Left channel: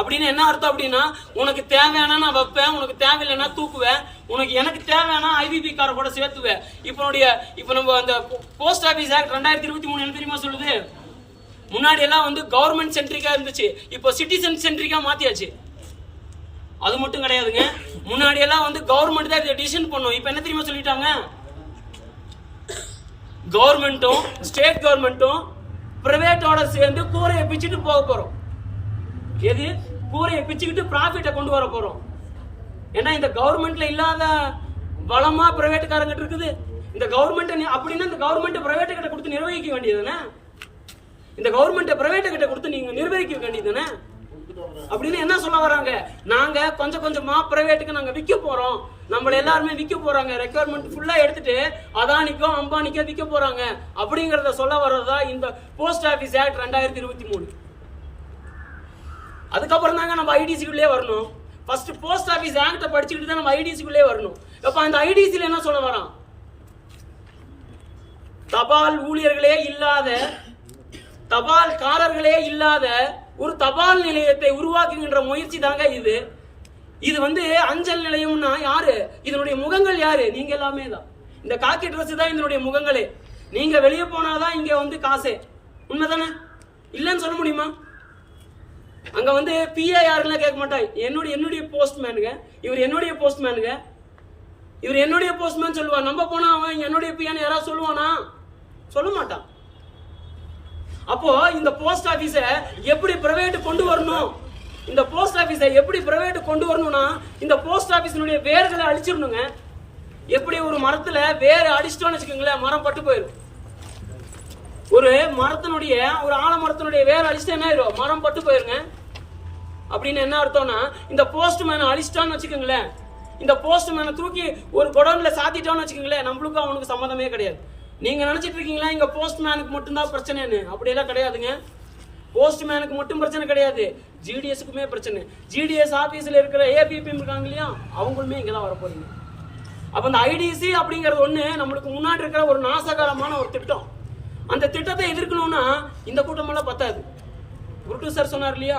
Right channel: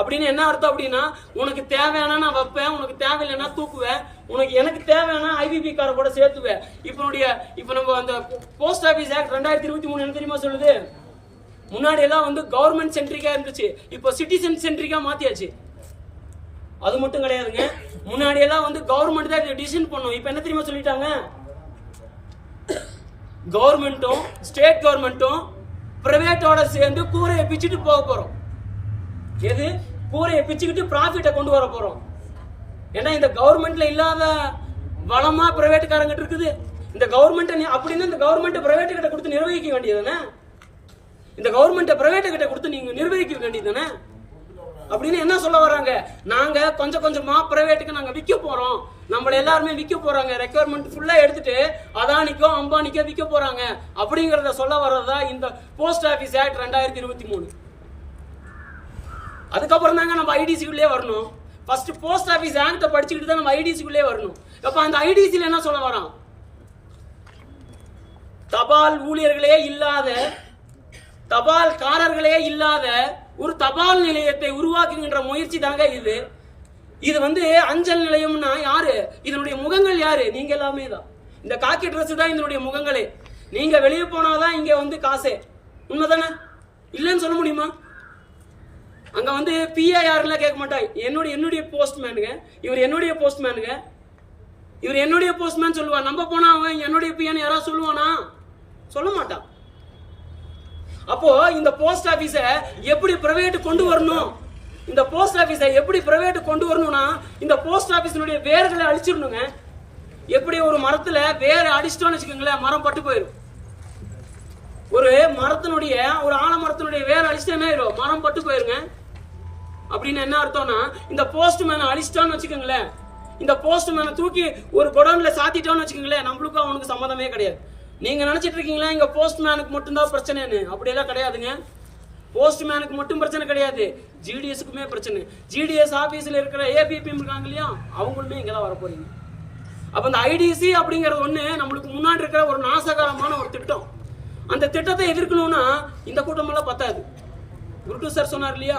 அப்படின்னு என்ன அர்த்தம் அப்படின்னா, உனக்கு தேவையானா நான் வைப்பேன், உனக்கு தேவையில்லைன்னா தூக்குவேன், எனக்கு தேவையானா ஐபிபி காரை கூட சேர்த்துவேன். இப்போ நம்ம அந்த போஸ்ட் ஆஃபீஸ் ஆக்ட் 2023 என்ன தெரியுமா சொல்லுது? முன்னாடி எல்லாம் வந்து கவர்மெண்ட் சென்ட்ரிக்கா இருந்துச்சு, இப்போ சிட்டிசன் சென்ட்ரிக்கா மாத்தியாச்சு. அது மட்டும் கிடையாதுங்க, முன்னாடி எல்லாம் வந்து கவர்மெண்ட் தான் இதை டிசிஷன் பண்ணும். இப்போ என்ன தெரியுமா சொல்லிட்டாங்க? கவர்மெண்ட்டும் ஸ்டேட் கவர்மெண்ட்டும் பிரைவேட்டோட சேர்ந்து கூரையை பிச்சுட்டு போக போறோம். எது? கூரையை பிச்சுக்கிட்டு ப்ராஃபிட்டை கொண்டு வர போறோம். ஏன்னா இந்த கவர்மெண்ட்ல இல்லாத வளமா பிரைவேட்டுக்காரங்கிட்ட இருக்குது. இந்த கவர்மெண்ட் அப்படின்னா இந்த கவர்மெண்ட் பிரைவேட் கிட்ட கொடுத்து நிர்வகிக்க வேண்டியதுதானே? இந்த கவர்மெண்ட் பிரைவேட் கிட்ட கொடுத்து நீங்க நிர்வகிக்க வேண்டியதுதானே? அப்படின்னு என்ன சொல்ல வராங்க? நாங்க கொஞ்சம் கொஞ்சமா பிரைவேட்டுக்கு நாங்க விற்க போறோம், நம்மள எல்லாருமே விற்க போறாங்க, ரெக்யர்மெண்ட் ஃபுல்லா எடுத்துட்டு அதானிக்கோ அம்பானிக்கோ விற்க போறாங்க அப்படிங்கறத சொல்ல வர்றதா இந்த போஸ்ட் ஆபீஸ் ஆக்ட் 2023. அதுக்கப்புறம் தாங்க நம்ம ஐடிசிக்குள்ளே வரணும். ஃபர்ஸ்ட் போஸ்ட் ஆபீஸ் ஆக்ட படிச்சுக்கிட்டு தான் நம்ம ஐடிசிக்குள்ளே வரணும். அப்ப அந்த ஐடிசில என்ன சொல்ல வரான்? தபால் ஊழியர்களே இல்லாத, தபால்காரர்களே இல்லாத ஒரு தபால் நிலையத்தை உருவாக்குகின்ற முயற்சி தாங்க இது. இது வந்து அஞ்சல் நிலையம்னா யாரு? இதனுடைய முகங்கள் யாரு? நீங்க எல்லாமே தான். இந்த காக்கி ட்ரெஸ் தான் இதனுடைய முகங்களே. நீங்க வெளியே போனாதான் இங்க வந்து காசே. உண்மைதானே? இல்லைன்னு சொல்ல முடியுமா? அங்க வந்து பிஏ யாருன்னு கேட்க மாட்டாய். என்னுடைய போஸ்ட்மேனுங்க, இவர் என்னுடைய போஸ்ட்மேனுங்க, இவர் என்னுடைய போஸ்ட்மேன் சொல்லுவான். நம்ம போனா அவன் என்னுடைய பிஏன்னு யாராவது சொல்லுவானா? சொல்ல மாட்டான். அப்போ இந்த போஸ்ட் ஆபீஸ எப்படி பிரைவேட் கொண்டு வரணும்? இந்த போஸ்ட் ஆபீஸை எப்படி பிரைவேட் கொண்டு வரணும்னா, இந்த போஸ்ட் ஆபீஸினுடைய வேர்களை அழிச்சிடணுங்க. எப்படி ஒரு மரத்துல வேர் அடிச்சிட்டோம்னு வச்சுக்கோங்களேன், மரம் பட்டு போயிடும். ஒரு மரத்தினுடைய ஒரு ஆலமரத்தினுடைய வேர் அடிச்சுட்டு என்ன ஆயிரும்? மரம் பட்டு போயிருங்க. அப்படின்னு என்ன அர்த்தம்னா, இந்த போஸ்ட்மேனை அழிச்சிட்டோம்னு வச்சுக்கோங்களேன், இந்த போஸ்ட்மேனை தூக்கி ஒரு குடோன்ல சாத்திட்டோம்னு வச்சுக்கோங்களேன், நம்மளுக்கும் அவனுக்கு சம்மதமே கிடையாது. நீங்க நினைச்சிட்டு இருக்கீங்களா இங்க போஸ்ட்மேனுக்கு மட்டும்தான் பிரச்சனைன்னு? அப்படியெல்லாம் கிடையாதுங்க. போஸ்ட்மேனுக்கு மட்டும் பிரச்சனை கிடையாது, ஜிடிஎஸ்க்குமே பிரச்சனை. ஜிடிஎஸ் ஆபீஸ்ல இருக்கிற ஏபிபி இருக்காங்க இல்லையா, அவங்களுமே இங்கதான் வர போறீங்க. அப்ப இந்த ஐடிசி அப்படிங்கிறது ஒண்ணு நம்மளுக்கு முன்னாடி இருக்கிற ஒரு நாசகரமான ஒரு திட்டம். அந்த திட்டத்தை எதிர்க்கணும்னா இந்த கூட்டம் எல்லாம் பத்தாது. குருட்டு சார் சொன்னார் இல்லையா,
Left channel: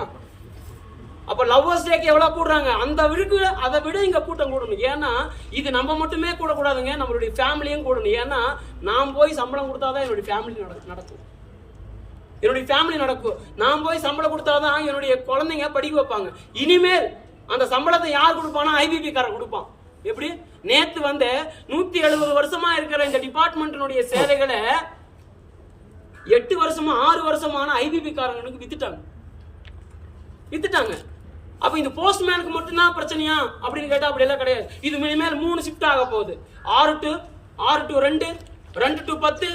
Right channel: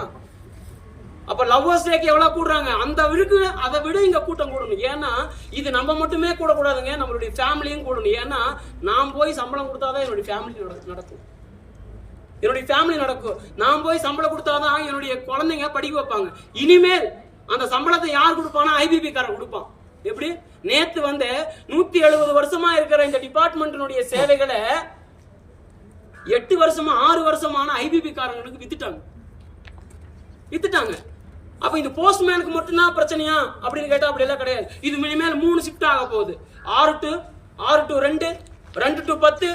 அப்ப லவ்வர்ஸ் டேக்கு எவ்வளவு கூடுறாங்க, அந்த விழுக்கு அதை விட இங்க கூட்டம் கூடணும். ஏன்னா இது நம்ம மட்டுமே கூட கூடாதுங்க, நம்மளுடைய ஃபேமிலியும் கூடணும். ஏன்னா நான் போய் சம்பளம் கொடுத்தாதான் என்னுடைய ஃபேமிலி நடக்கும், என்னுடைய ஃபேமிலி நடக்கும். நான் போய் சம்பளம் கொடுத்தாதான் என்னுடைய குழந்தைங்க படிக்க வைப்பாங்க. இனிமேல் அந்த சம்பளத்தை யார் கொடுப்பானா? ஐபிபி காரன் கொடுப்பான். எப்படி? நேத்து வந்து 170 வருஷமா இருக்கிற இந்த டிபார்ட்மெண்ட்டினுடைய சேவைகளை 8 வருஷமா 6 வருஷமான ஐபிபி காரங்களுக்கு வித்துட்டாங்க. அப்ப இந்த போஸ்ட்மேனுக்கு மட்டும்தான் பிரச்சனையா அப்படின்னு கேட்டா அப்படி எல்லாம் கிடையாது. இது மினிமேல் 3 ஷிஃப்ட் ஆக போகுது. 6 to 2, 2 to 10,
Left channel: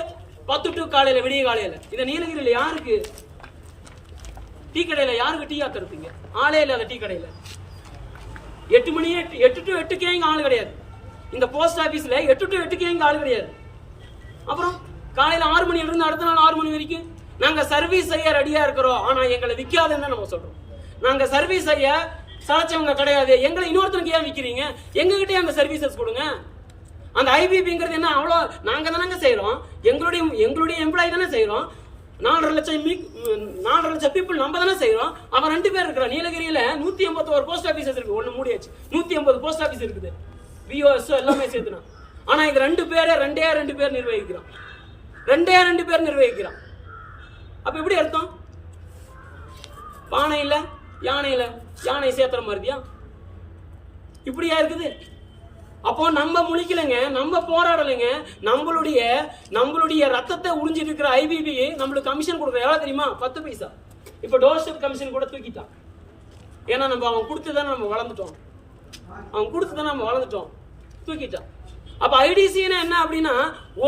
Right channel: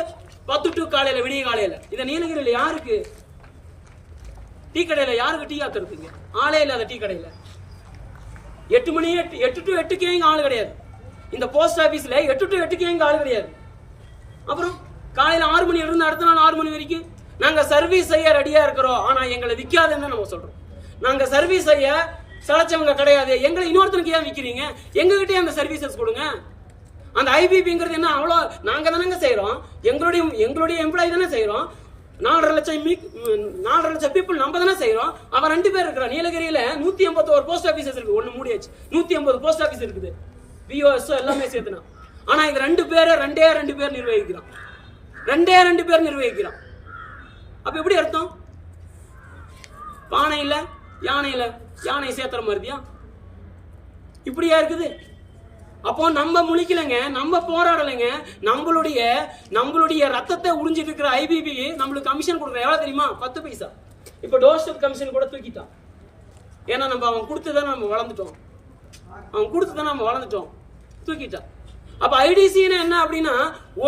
10 to காலையில, விடிய காலையில. இதை நீலகிரியில யாருக்கு டீ கடையில யாருக்கு டீ ஆத்துறதுங்க? ஆளே இல்லாத டீ கடையில 8 to 8க்கே இங்க ஆளு கிடையாது. இந்த போஸ்ட் ஆபீஸ்ல 8 to 8க்கே இங்க ஆளு கிடையாது. அப்புறம் காலையில 6 மணில இருந்து அடுத்த நாள் 6 மணி வரைக்கும் நாங்க சர்வீஸ் செய்ய ரெடியா இருக்கிறோம், ஆனா எங்களை விற்காதுன்னு நம்ம சொல்றோம். நாங்க சர்வீஸ் செய்ய சளைச்சவங்க கிடையாது, எங்களை இன்னொருத்தனுக்கு ஏன் விற்கிறீங்க? எங்ககிட்டயே அந்த சர்வீசஸ் கொடுங்க. அந்த ஐபிபிங்கிறது என்ன அவ்வளோ? நாங்க தானங்க செய்யறோம், எங்களுடைய எம்ப்ளாயி தானே செய்யறோம். 4.5 லட்சம் பீப்புள் நம்ம தானே செய்யறோம். அவன் 2 பேர் இருக்கிறான். நீலகிரியில 181 போஸ்ட் ஆபீசஸ் இருக்கு, ஒன்னு மூடியாச்சு. 180 போஸ்ட் ஆபீஸ் இருக்குது, பிஓஎஸ்ஓ எல்லாமே சேர்த்துனா. ஆனா இது 2 பேர் நிர்வகிக்கிறான். 2 பேர் நிர்வகிக்கிறான். அப்ப எப்படி அர்த்தம்? பானை இல்ல யானை சேர்த்துற மாதிரியா? இப்படியா இருக்குது? அப்போ நம்ம முழிக்கலைங்க, நம்ம போராடலைங்க. நம்மளுடைய ரத்தத்தை உறிஞ்சிட்டு இருக்கிற ஐபிபி நம்மளுக்கு கமிஷன் கொடுக்குற எவ்வளவு தெரியுமா? 10 பைசா. இப்ப டோர் ஸ்டெப் கமிஷன் கூட தூக்கிட்டான். ஏன்னா அவன் கொடுத்துதானே நம்ம வளர்ந்துட்டோம், தூக்கிட்டான். அப்ப ஐடிசின்னு என்ன அப்படின்னா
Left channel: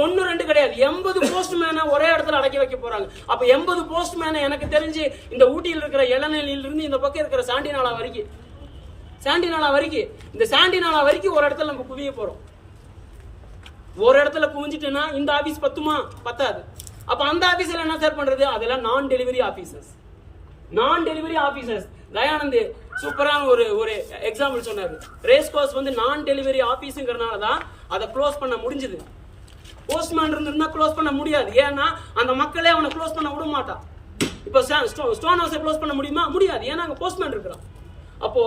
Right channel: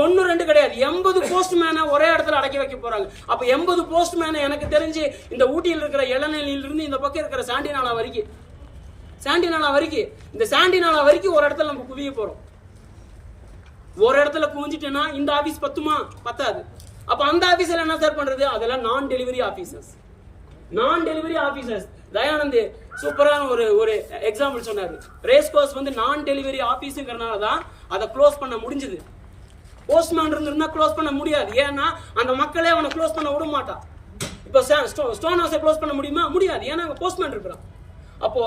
1 2 கிடையாது, 80 போஸ்ட்மேனை ஒரே இடத்துல அடக்கி வைக்க போறாங்க. அப்ப 80 போஸ்ட்மேனை எனக்கு தெரிஞ்சு இந்த ஊட்டியில் இருக்கிற இளநிலையிலிருந்து இந்த பக்கம் இருக்கிற சாண்டினாலா வரைக்கும் இந்த சாண்டினாலா வரைக்கும் ஒரு இடத்துல நம்ம குவிய போறோம். ஒரு இடத்துல குவிஞ்சிட்டேன்னா இந்த ஆபீஸ் பத்தாது. அப்ப அந்த ஆபீஸ்ல என்ன சார் பண்றது? அதெல்லாம் நான் டெலிவரி ஆபீசர்ஸ். தயானந்த் சூப்பரான ஒரு எக்ஸாம்பிள் சொன்னாரு. ரேஸ் கோர்ஸ் வந்து நான் டெலிவரி ஆபீஸ்ங்கறனால தான் அதை க்ளோஸ் பண்ண முடிஞ்சது. போஸ்ட்மேன் இருந்தா க்ளோஸ் பண்ண முடியாது. ஏன்னா அந்த மக்களே அவனை க்ளோஸ் பண்ண விட மாட்டான். இப்போ ஸ்டோன் ஹவுஸை க்ளோஸ் பண்ண முடியுமா? முடியாது. ஏன்னா அங்கே போஸ்ட்மேன் இருக்கிறான். அப்போ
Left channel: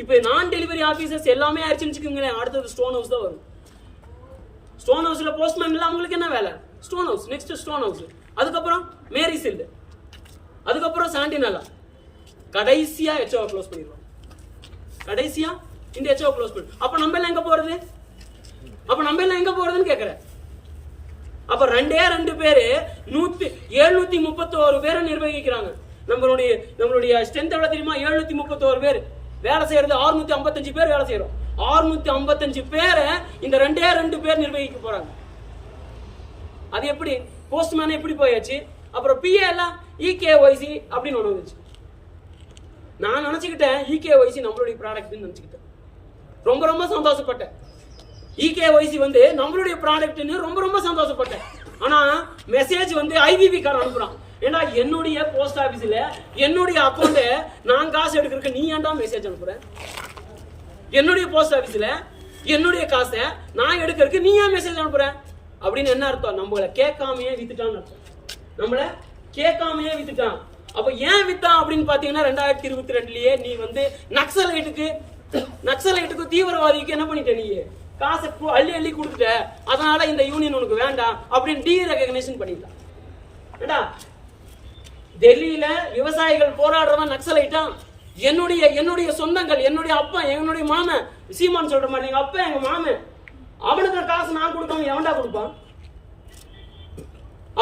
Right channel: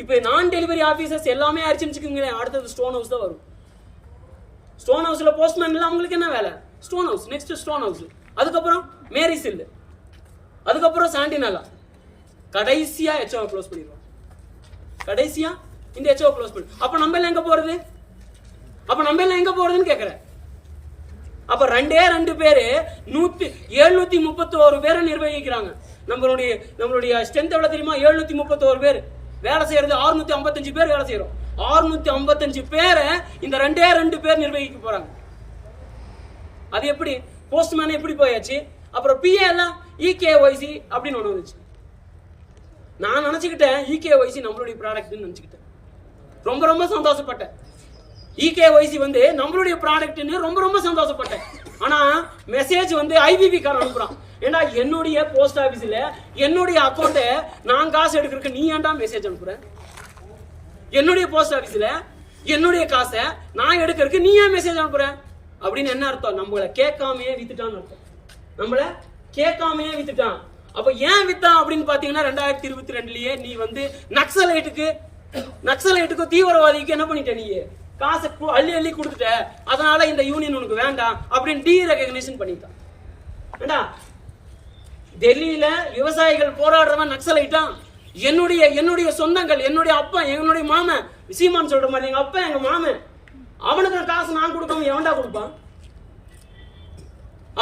இப்போ நான் டெலிவரி ஆஃபீஸர்ஸ் எல்லாமே ஆயிடுச்சுன்னு வச்சுக்கோங்களேன், அடுத்தது ஸ்டோன் ஹவுஸ் தான் வரும். ஸ்டோன் ஹவுஸ்ல போஸ்ட்மேன் இல்லை, அவங்களுக்கு என்ன வேலை? Stone house. Next stone house, அதுக்கப்புறம் மேரி சில், அதுக்கப்புறம் சாண்டினலா, கடைசியா ஹெச்ஓ க்ளோஸ் பண்ணிடுவோம். கடைசியா இந்த ஹெச்ஓ க்ளோஸ் பண்ணி அப்ப நம்ம எல்லாம் எங்க போறது? அப்ப நம்ம எல்லாம் எங்க போறதுன்னு கேக்குறேன். அப்ப ரெண்டு பேரு 731 பேரை நிர்வகிக்கிறாங்க. நம்மளுடைய ஸ்ட்ரென்த் எவ்வளவு தெரியுமா? 731 பேர் வேலை செய்யறது. 655 பேர் வேலை செய்யறோம். 655 பேரை இந்த 2 பேர் நிர்வகிக்க போறாங்க. அது எப்படி? போஸ்ட்மேன் எப்படி போயாச்சு, அப்புறம் பிஏ எல்லாம் இகேஒய்சி அப்படின்னு ஒண்ணு வந்துச்சு. நான் நினைச்சுக்கிட்டேன் இகேஒய்சி நம்மளுடைய ப்ராடக்ட்னு நினைச்சுக்கிட்டேன். ரொம்ப சந்தோஷப்பட்டேன். இகேஒய்சி வந்து நம்மளுடைய ப்ராடக்ட்னு ரொம்ப சந்தோஷப்பட்டேன். ஆனா மெசேஜ் வந்து ஐவிவி காரன் அனுப்புறான். ஏன்னா என்னுடைய போஸ்ட் ஆபீஸ்ல என்னுடைய அக்கௌண்ட் நான் காசு எடுக்கிறதுக்கு நீ ஏன்டா மெசேஜ் அனுப்புற? என்னுடைய போஸ்ட் ஆபீஸ்ல என்னுடைய காசை நான் எடுக்கிறதுக்கு நீ ஏன் மெசேஜ் அனுப்புற அப்படின்னு என்ன அர்த்தம்? நம்மள கேட்காமையே வித்துட்டான்னு அர்த்தம். நம்மள கேட்காமையே வித்துட்டான். அப்ப ஏன் வித்தான் அப்படின்னு பாத்தீங்கன்னா 2022லயே நீ வந்து நக்சலைட்டுக்கு தீவிரவாதிக்கு என்ன பண்ணிட்ட? நீ காசை அள்ளி கொடுத்துட்ட, அதனால இந்த யூனியன் உனக்கு வேண்டாம் அப்படின்னு டீரெகக்னிஷன் பண்ணிட்டான். ஏண்டா டெல்லியில விவசாயிகள் போராடுறவன் நக்சலைட்டான். என்னுடைய சொந்தங்கள், என்னுடைய அப்பா, என்னுடைய மாமன், சீமான் சொல்ற மாதிரி எங்க அப்பா எங்க மாமன், அவனுக்கு காசு நான் கொடுக்காம எவன்டா கொடுப்பான்?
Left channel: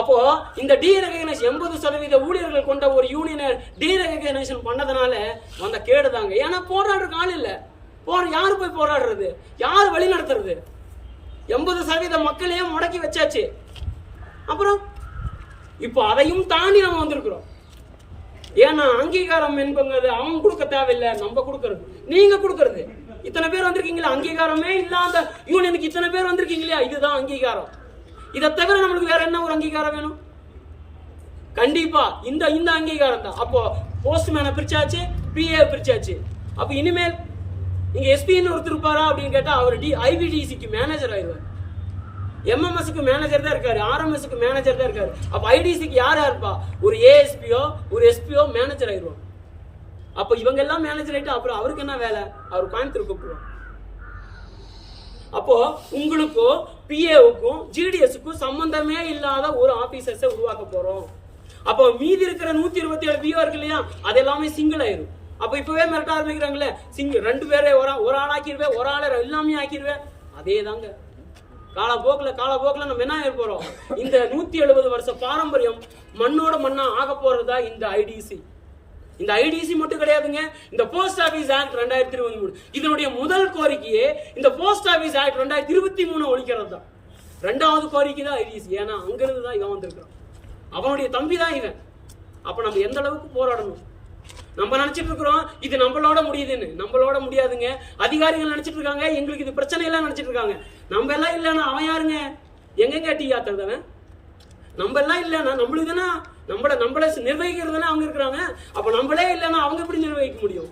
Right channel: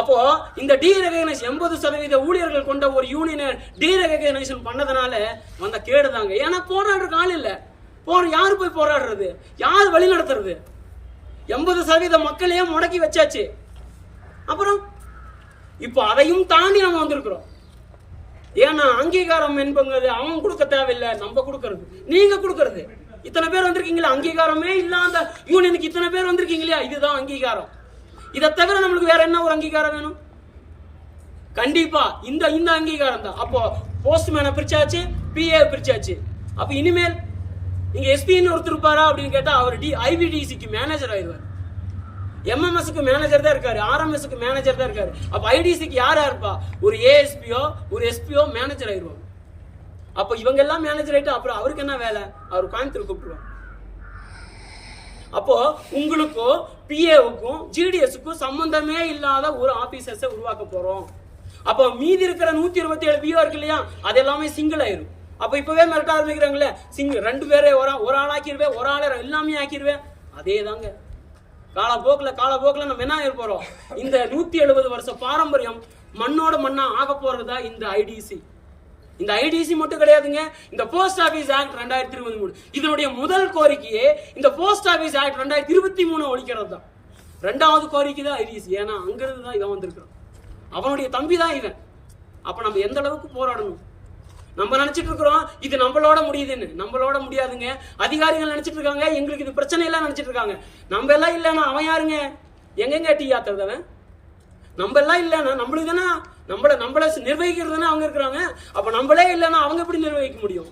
அப்போ இந்த டீரெகக்னைஸ் 80% ஊழியர்கள் கொண்ட ஒரு யூனியனை டீரெகக்னைசேஷன் பண்ணதுனால வந்த கேடுதாங்க. ஏன்னா போராடுறதுக்கு ஆள் இல்ல. யாரு போய் போராடுறது? யாரு வழி நடத்துறது? 80% மக்களையே முடக்கி வச்சாச்சு. அப்புறம் இப்போ அதையும் தாண்டி நம்ம வந்திருக்கிறோம். ஏன்னா அங்கீகாரம் என்பது அவன் கொடுக்க தேவையில்லை, நம்ம கொடுக்கறது, நீங்க கொடுக்கறது. இத்தனை பேர் வந்திருக்கீங்களா? அங்கீகாரமே இல்லாத யூனியனுக்கு இத்தனை பேர் வந்திருக்கீங்களா? இதுதான் அங்கீகாரம். இதை தவிர நம்மளுக்கு வேற என்ன ஒரு அங்கீகாரம் வேணும்? கண்டிப்பா இந்த அங்கீகாரம் தான். அப்போ போஸ்ட்மேனை பிரிச்சாச்சு, பிஏ பிரிச்சாச்சு. அப்ப இனிமேல் இங்க எஸ்பின்னு ஒருத்தர் இருப்பாரா அப்படின்னு கேட்டா அவர் ஐவிடிசிக்கு மேனேஜர் ஆயிடுவார். எம்எம்எஸ்க்கு மேனேஜர் தான் இருக்காரு, ஆர்எம்எஸ்க்கு மேனேஜர் தான் இருக்காரு. அப்ப ஐடிசிக்கு யாரா இருப்பா? ஒரு ஏஎஸ்பியோ ஒரு எஸ்பியோ மேனேஜர் ஆயிடுவாங்க. அப்ப இவங்க எல்லாம் மேனேஜர் ஆயிட்டு அப்புறம் அவருக்கு என்ன வேலை? அவர் கோயம்புத்தூர் கூப்பிடுவாங்க. அப்போ உங்களுக்கும் பிஏவுக்கும் ஜிடிஎஸ்க்கும் சம்பந்தமே இல்லாத ஒரு ஆபீசர்ஸை உருவாக்க போறோம். அப்போ மீதி இருக்கிற 127 பிஓ இருக்கு இல்லையா, அது எல்லாமே சிங்கிள் ஆயிரும். அப்ப இப்பவே மிரட்ட ஆரம்பிக்கிறாங்களே, சிங்கிள் 2 பேரை ஒரு ஆள் ஆக்கிடுவேன், ஒரு ஆளை எல்லாமே ஆக்கிடுவேன். அதே தாங்க காலப்போக்கில் நம்ம என்ன ஆக போறோம்? இந்த 170 வருஷ பாரம்பரியம் மண்ணோட மண்ணா ஆக போறதா இந்த ஐடிசி. இந்த ஐடிசி மட்டும் கிடையாதுங்க, இந்த போஸ்ட் ஆபீஸ் ஆக்ட் 2023 இதனுடைய முதல் கோரிக்கையே இந்த போஸ்ட் ஆபீஸ் ஆக்ட் 2023 ஒழிக்கிறது தான். 2வது கோரிக்கை தான் ஐடிசி. ஏன்னா அங்கிருந்து தான் இவன் வந்திருக்கான், அவனுடைய தம்பி தான் இவன். அப்ப நம்ம எந்த அளவுக்கு போராடணும்? நம்ம நினைச்சிட்டு இருக்கிறோம் இது நம்மளோட முடியுதுன்னு. நம்மளோட முடியாதுங்க. அதிகாரிகள் நினைச்சிட்டு இருக்காங்க எங்களுக்கு இது பிரச்சனை எல்லாம் நினைச்சிட்டு இருக்காங்க. நம்ம எல்லாம் இல்லைன்னா அவன் யாருங்க? எங்கெங்க டீ ஆத்துறதவன்? நம்ம எல்லாம் இல்லைன்னா நம்மளுக்கு தானே நம்மள நிர்வகிக்கிறது தானே அவங்க இருக்கிறாங்க. அப்ப நம்மளே இல்லைன்னா அவங்க எப்படி நிர்வகிக்க முடியும்?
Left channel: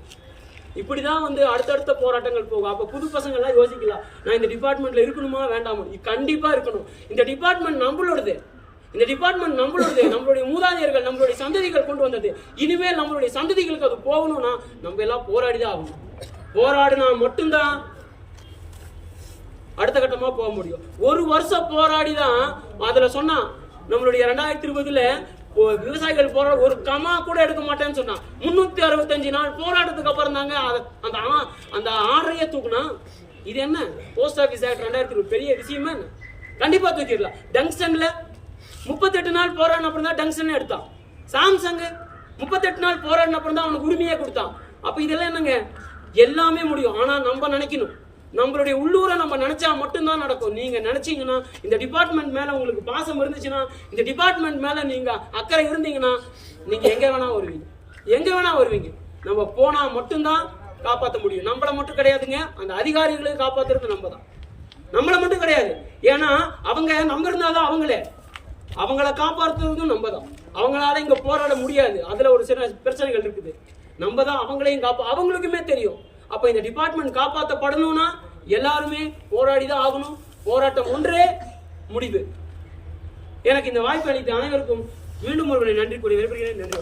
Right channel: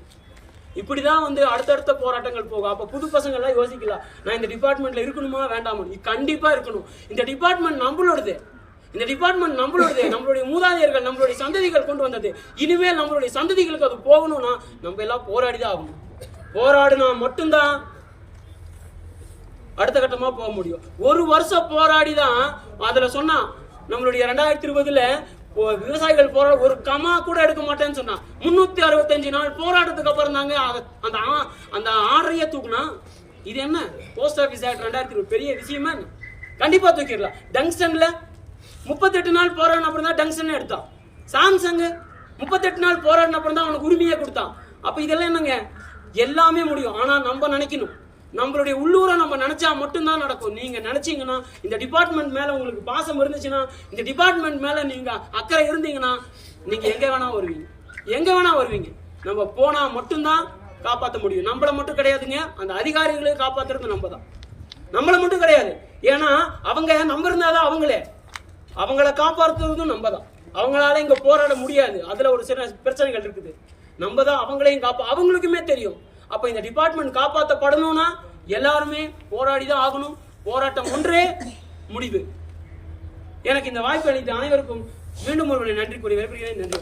இப்படிதான் வந்து அடுத்தடுத்த போராட்டங்கள் போகும். அப்ப புது பசங்க எல்லாம் யோசிக்கலாம், நான் இந்த டிபார்ட்மெண்ட்ல இருக்கணுமா வேண்டாமா? கண்டிப்பா இருக்கணும். இந்த டிபார்ட்மெண்ட் நம்மளோடது. நம்மளுடைய மூதாதையர்கள், நம்மளுடைய சந்ததிகள் கொண்டு வந்தது. இனிமேல் நம்மளுடைய சந்ததிகளுக்கு அது போகணும்னா நம்ம எல்லாம் போராடிதான் ஆகணும். போராடினா மட்டும்தான் அடுத்த கட்டமா போக முடியும். ஒரு வருஷம் போராடிதான் அதுல சொன்னா நம்மளுடைய 2020 விவசாயிகள் போராட ஒரு கமா கூட எடுக்க மாட்டேன்னு சொன்னா 365 நாள் போராட்டத்துக்கு அப்புறம் தாங்க அந்த ஆர்டரையே தூக்குனா. இது என்ன போஸ்ட் ஆபீஸ் ஆக்ட் 2020 பெரிய விஷயமா என்ன? கண்டிப்பா தூக்கிடலாம். டங்ஸ்டன்ல 38 நாள் போராடின அப்புறம் தான் டங்ஸ்டன் எடுத்தான். சாம்சங் 38 நாள் போராடின அப்புறம் தான் அவனுக்கு உரிமையே கொடுத்தான். அப்ப இதெல்லாம் என்னங்க? எல்லாமே முடியும். ஆனா நம்ம நினைக்கணும், நம்மளுடைய உள்ளூரை நம்ம நினைச்சா மட்டும்தான் நடக்கும். நீங்க நினைச்சீங்கன்னா, இந்த டிபார்ட்மெண்ட் மேல உங்களுக்கு பாசம் இருந்துச்சுன்னா, இந்த டிபார்ட்மெண்ட் மேல நீங்க அக்கறை இருந்தீங்கன்னா, நீங்க எங்க வேணா வருவீங்க. நம்ம போனா மட்டும்தான் காப்பாற்ற முடியும். நம்மள மட்டும் கிடையாதுங்க, அந்த அதிகாரிகளை காப்பாத்துறது நம்ம தான். நம்மள மட்டும் கிடையாது. ஏன்னா அவங்க நம்ம இருந்தாதான் அவங்கள காப்பாற்றுறதும் நம்ம தான். அவங்களால இங்க போராட முடியாது. அதுல ஒரு சில பிரச்சனைகள் இருக்குது. நம்ம தான் அவங்களையும் அவங்களுக்குமே தெரியும். அப்ப இந்த டிபார்ட்மெண்ட் காப்பாற்றப்படணும்னா எல்லாருமே போராடிதான் ஆகணும். போராட்டம் ஒன்றே முடிவு. எனக்கு இந்த வாய்ப்பு அளித்த அனைவருக்கும் மீண்டும் ஒரு நன்றி கூறி விரும்புகிறேன். நன்றி.